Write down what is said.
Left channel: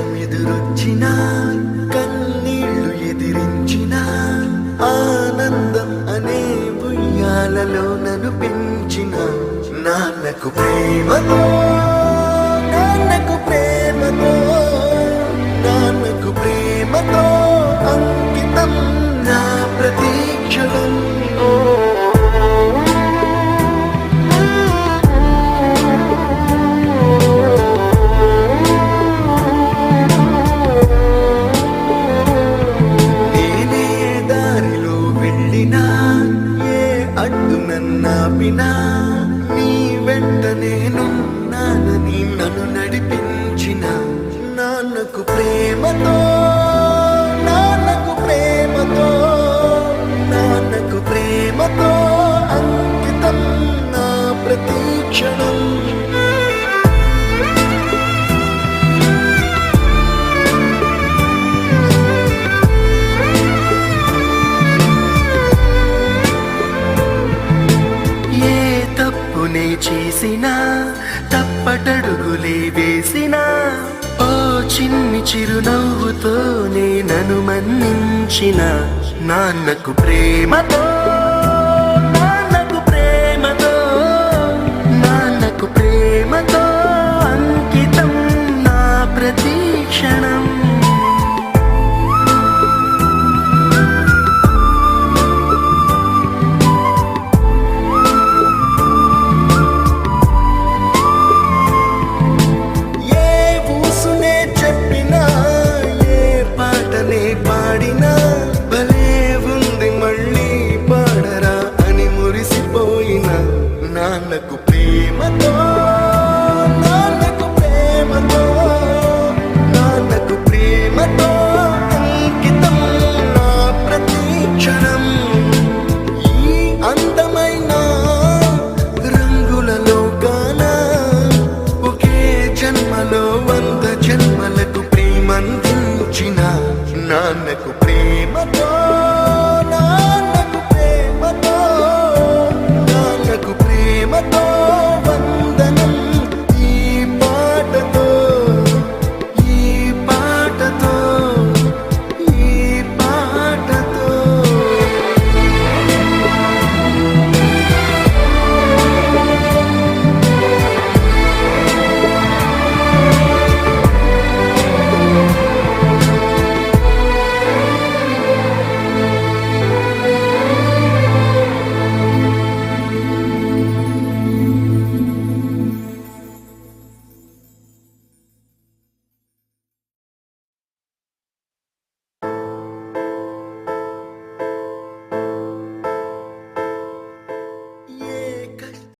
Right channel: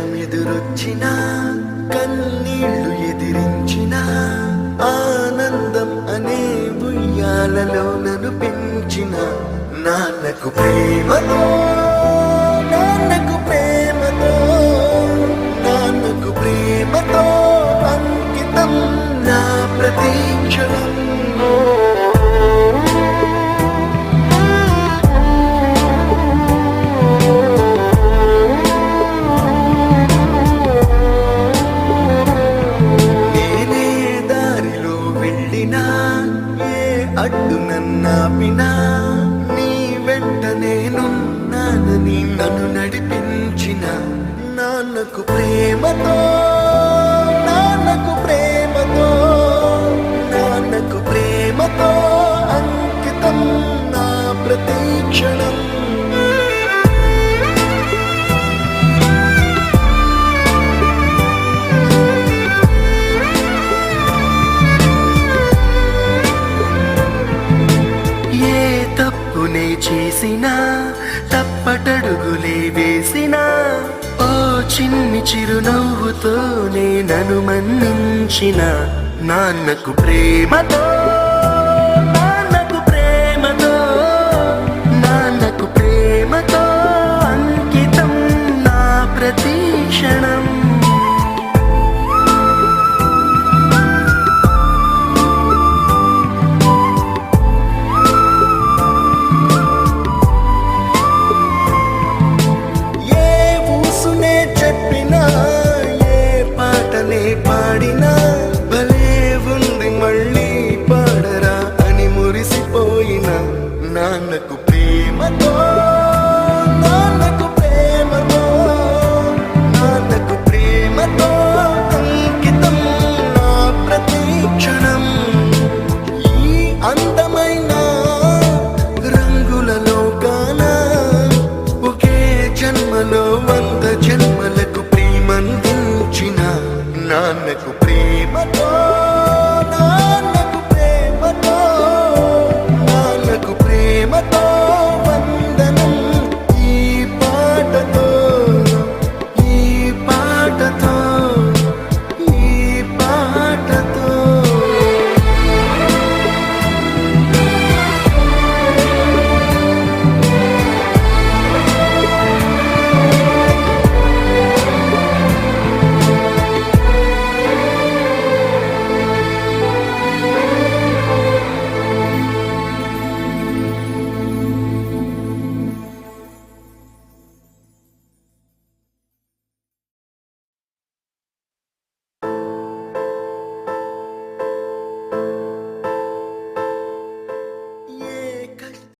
కష్టమెదురొచ్చినా కన్నీళ్లు ఎదిరించినా ఆనందం అనే ఉయ్యాలలో నన్ను పెంచిన నాన్నకు ప్రేమతో నాన్నకు ప్రేమతో నాన్నకు ప్రేమతో అంకితం నా ప్రతీక్షణం. ఏ అడ్డు నన్నాపినా నీ వెంట నేనున్నానని నన్ను నడిపించిన నాన్నకు ప్రేమతో నాన్నకు ప్రేమతో నాన్నకు ప్రేమతో అంకితం నా ప్రతీక్షణం. తప్పునే చేసినా తప్పటడుగులే వేసినా ఓ చిన్ని చిరునవ్వుతోనే నన్ను మన్నించిన నాన్నకు ప్రేమతో నాన్నకు ప్రేమతో నాన్నకు ప్రేమతో అంకితం నా ప్రతీక్షణం. చెప్పినా ఏ పాటనే పాడినా భలే ఉంది మళ్ళీ పాడరా అని మురిసిపోయిన నాన్నకు ప్రేమతో నాన్నకు ప్రేమతో నాన్నకు ప్రేమతో అంకితం నా ప్రతీక్షణం. ఈ అందమైన రంగులలో కానా ఒకే జన్మలో 100 జన్మలకు ప్రేమందించిన నాన్నకు ప్రేమతో